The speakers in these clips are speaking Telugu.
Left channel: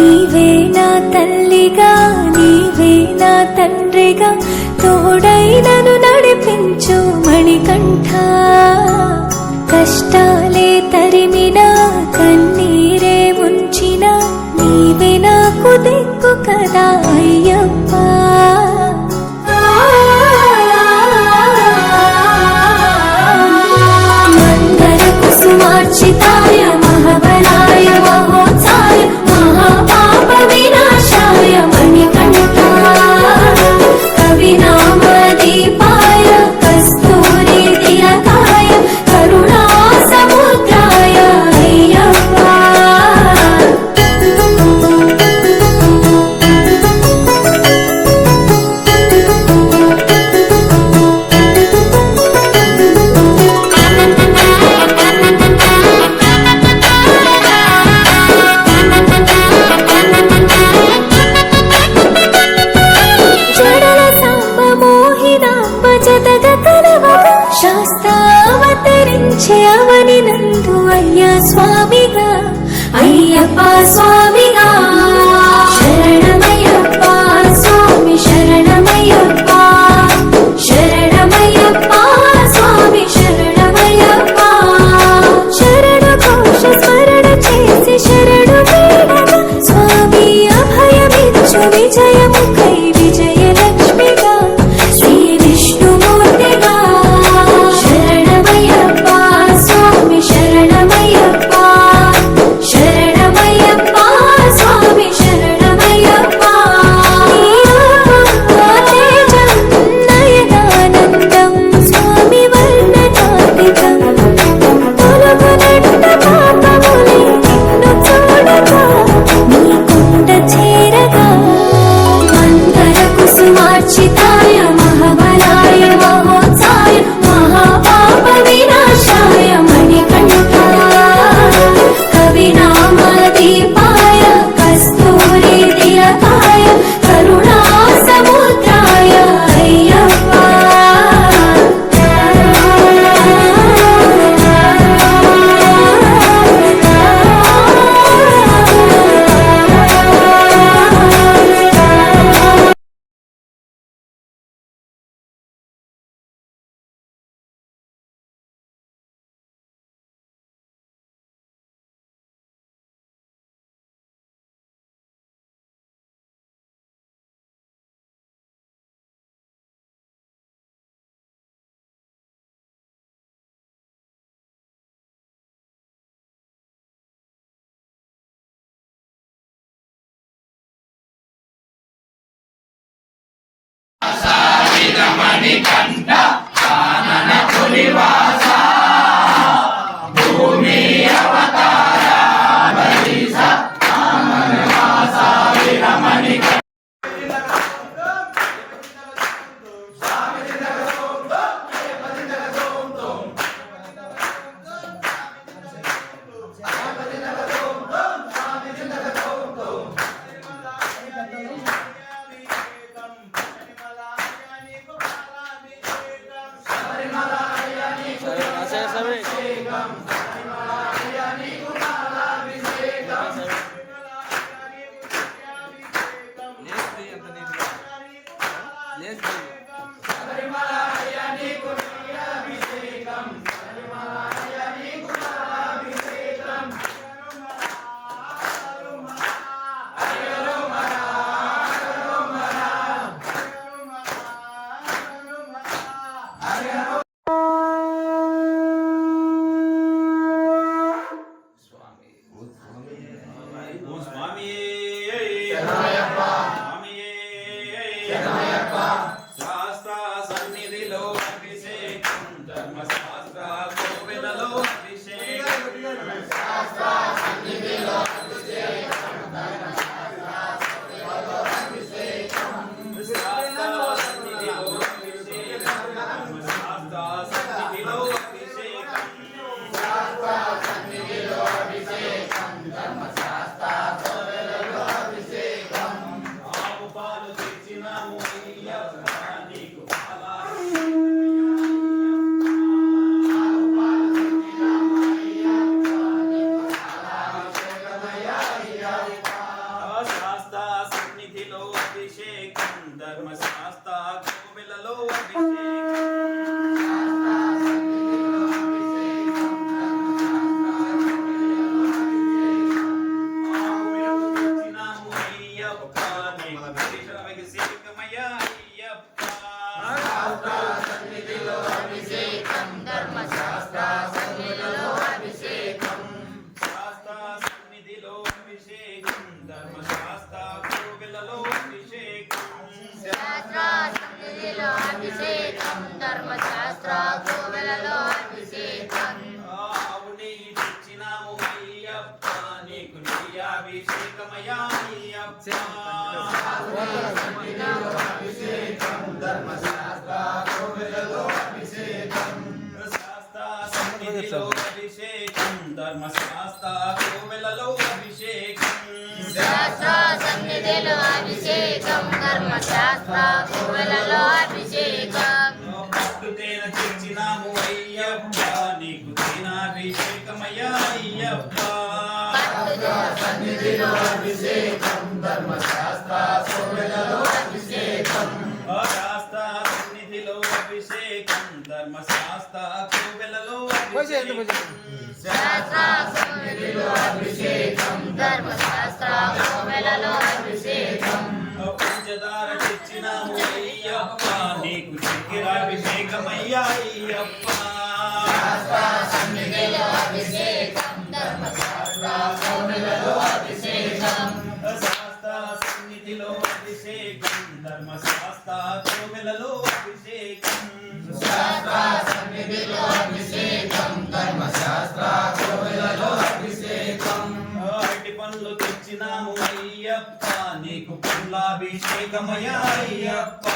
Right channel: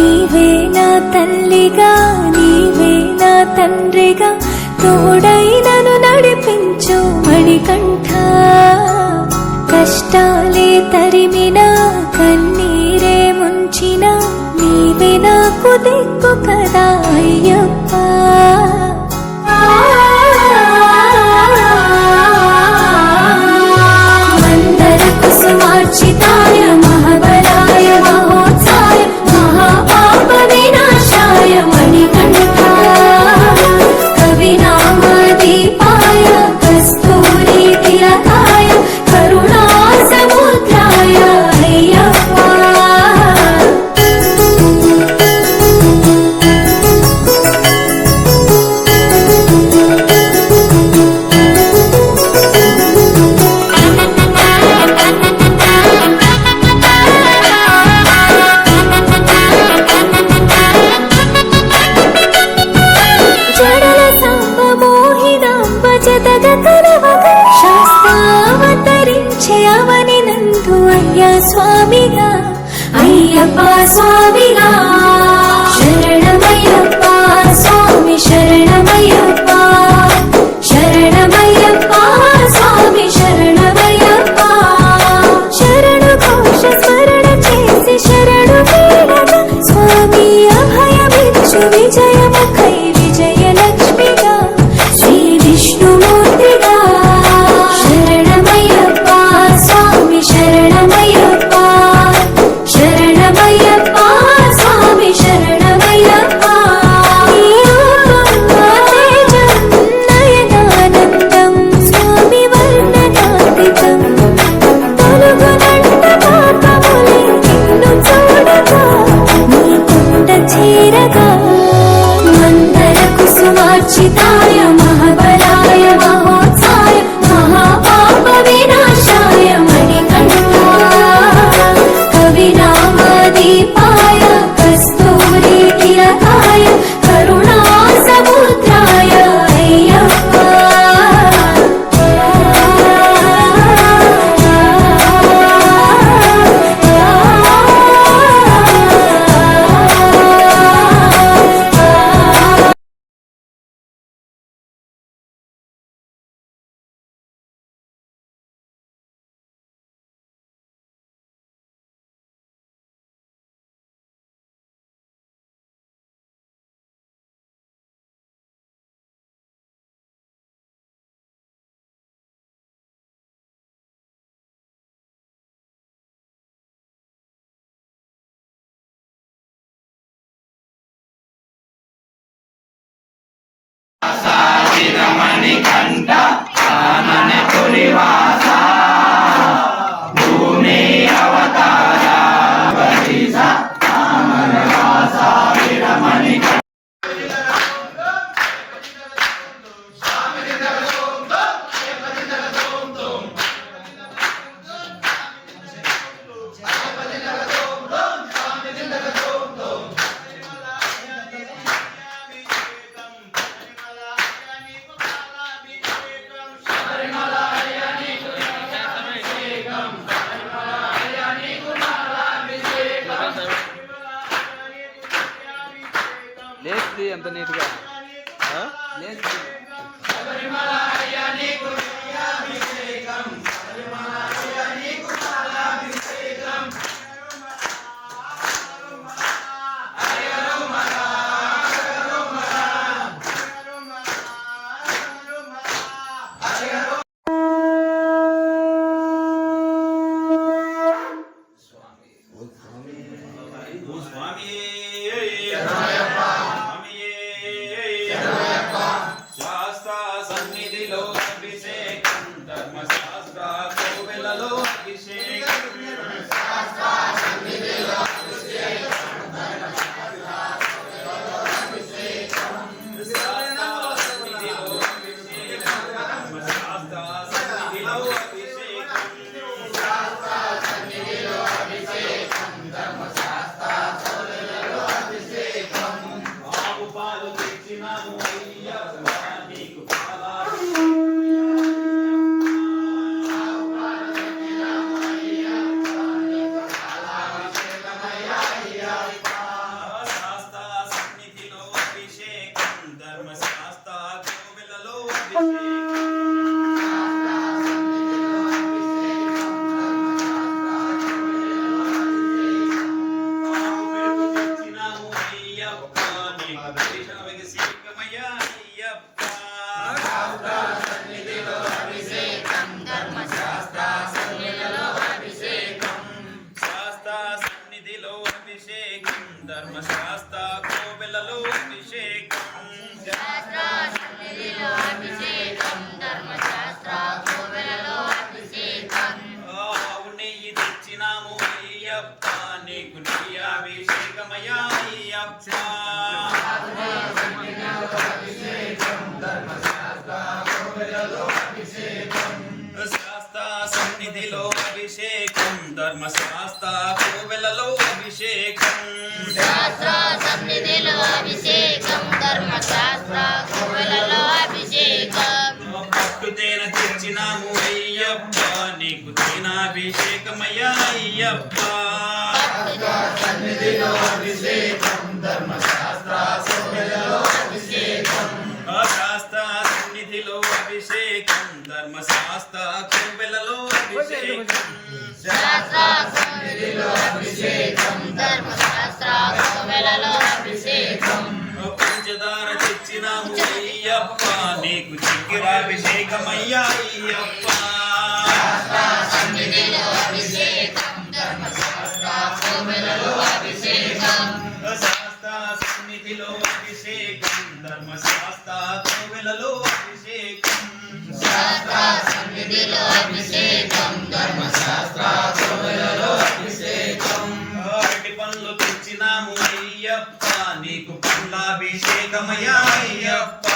నీవే నా తల్లిగా నీవే నా తండ్రిగా తోడై నన్ను నడిపించు మణికంఠ. కష్టాలే తరిమినా కన్నీరే ముంచినా నీవే నాకు దిక్కు కదా అయ్యప్ప. మందర కుసుమార్చితాయ మహాబలాయ మహోత్సాయ మహాపాప వినాశాయ మణికంఠ. కవినామ దీపాయ కస్తూరి తిలకాయ కరుణా సముద్రాయ అయ్యప్ప. శాస్త్రావతరించే అవని నందు అయ్యా స్వామిగా అయ్యప్ప స్వామిగా. శరణమయ్యప్ప స్వామి శరణమయ్యప్ప శరణమయ్యప్ప స్వామి శరణమయ్యప్ప. శరణు ఘోష స్మరణ చేసి శరణు వేడగా స్వామి అభయమిచ్చు విజయముఖై విజయలక్ష్మిగా శ్రీ విష్ణుమూర్తిగా. శరణమయ్యప్ప స్వామి శరణమయ్యప్ప శరణమయ్యప్ప స్వామి శరణమయ్యప్ప. నీ రూపం తేజం నయనానందం స్వామి వర్ణనాతీతం. తొలగునంట పాపములే నిన్ను చూడగా నీ కొండ చేరగా. మందర కుసుమార్చితాయ మహాబలాయ మహోత్సాయ మహాపాప వినాశాయ మణికంఠ. కవినామ దీపాయ కస్తూరి తిలకాయ కరుణా సముద్రాయ అయ్యప్ప. మణికంఠ రామన పులివాస భూమి అవతార బలిస రామన వాస వీరమణికంఠ. ఎంత నీట్గా లేదు. ధర్మశాస్త్ర కోవెలలో అభిషేకం ఆవు నెయ్యి తెచ్చినాము అయ్యప్ప నీకు నెయ్యి అభిషేకమయ్యా అయ్యప్ప శాస్త్ర సన్నిధిలో అభిషేకం ధర్మశాస్త్ర కోవెలలో అభిషేకం పట్టుతేన తెచ్చినాము అయ్యప్ప నీకు తేనాభిషేకమయ్యా అయ్యప్ప శాస్త్ర సన్నిధిలో అభిషేకం ధర్మశాస్త్ర కోవెలలో అభిషేకం పంచదార తెచ్చినాము అయ్యప్ప నీకు చక్కెరాభిషేకమయ్యా అయ్యప్ప శాస్త్ర సన్నిధిలో అభిషేకం ధర్మశాస్త్ర కోవెలలో అభిషేకం అరటి పండ్లు తెచ్చినాము అయ్యప్ప నీకు పండ్లాభిషేకమయ్యా అయ్యప్ప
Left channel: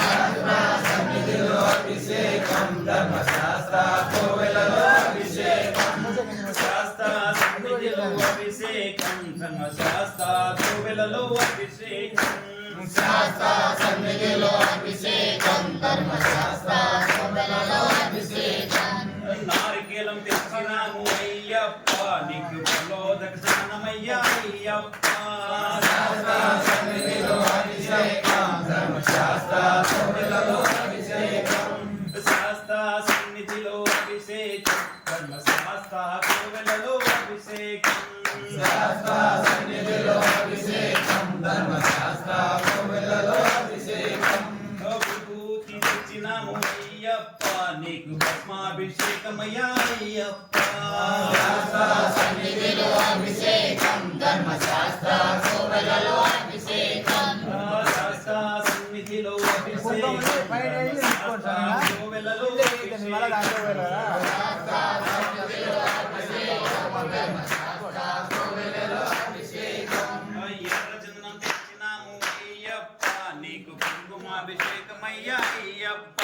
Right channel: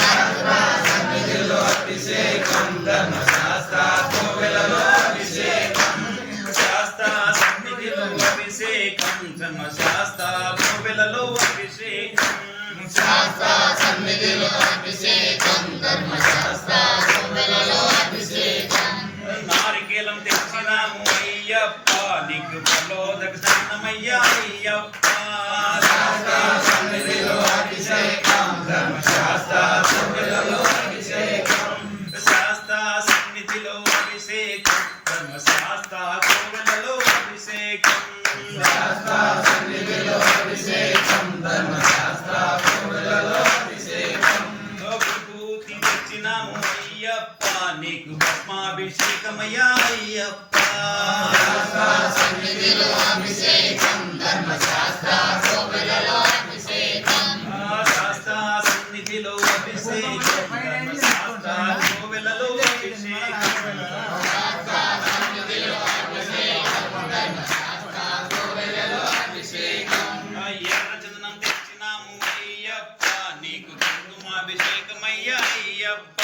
శాస్త్ర సన్నిధిలో అభిషేకం ధర్మశాస్త్ర కోవెలలో అభిషేకం నారికేలం తెచ్చినాము అయ్యప్ప నీకు ప్రలోదక స్నానమయ్యా అయ్యప్ప శాస్త్ర సన్నిధిలో అభిషేకం ధర్మశాస్త్ర కోవెలలో అభిషేకం విభూతి తెచ్చినాము అయ్యప్ప నీకు భస్మాభిషేకమయ్యా అయ్యప్ప శాస్త్ర సన్నిధిలో అభిషేకం ధర్మశాస్త్ర కోవెలలో అభిషేకం ఎర్రచందనం తెచ్చినాము అయ్యప్ప నీకు కుంకుమాభిషేకమయ్యా అయ్యప్ప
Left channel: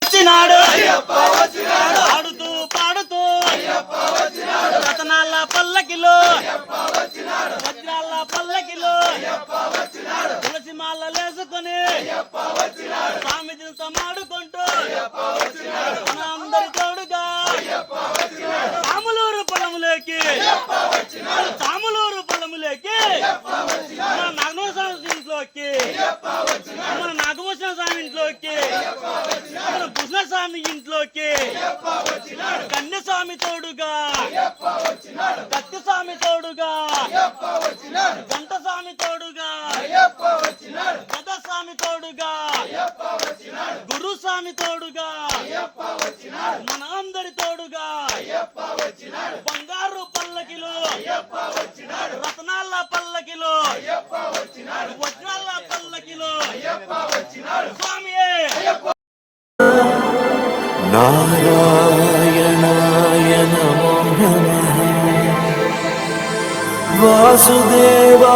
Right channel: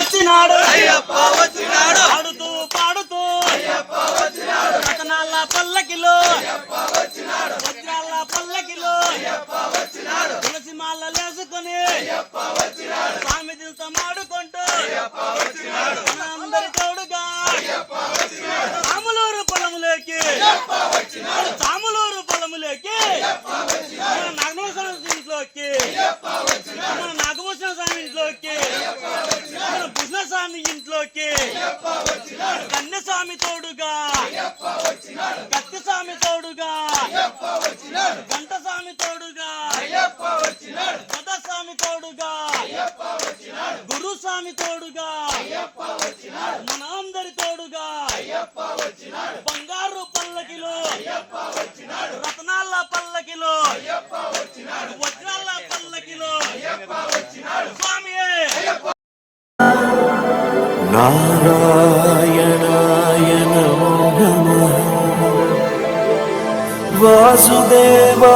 వచ్చినాడు ఆడుతూ పాడుతూ రతనాల పల్లకిలో వజ్రాల పల్లకిలో తులసి మాల లేసుకొని స్వామి దింత మాడుకుంటూ అందరి తోడుగా సాములూరు పొలములోకి మన నాగభూషణ ఇంట్లోకి మన నాగభూషణ స్వామి ఇంట్లోకి మన భూషణస్వామి ఇంట్లోకి కన్యస్వామి తోడుగా కత్తిస్వామి తోడుగా గంటస్వామి తోడుగా గదస్వామి తోడుగా గురుస్వామి తోడుగా మన అందరి తోడుగా బంగారు పల్లకిలో రత్నాల పల్లకిలో వజ్రాల పల్లకిలో స్వామియే నారాయణాయ నమో నమః వాసుదేవాయ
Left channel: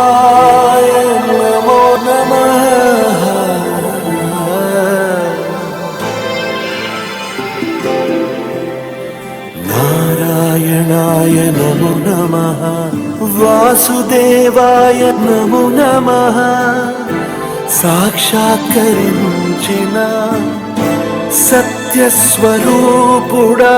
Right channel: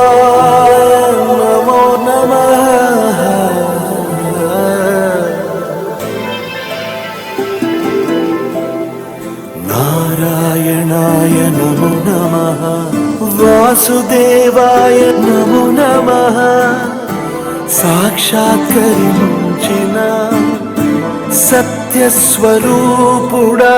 నమో నమః నారాయణాయ నమో నమః వాసుదేవాయ నమో నమః సాక్షాత్కరించిన సత్యస్వరూపుడా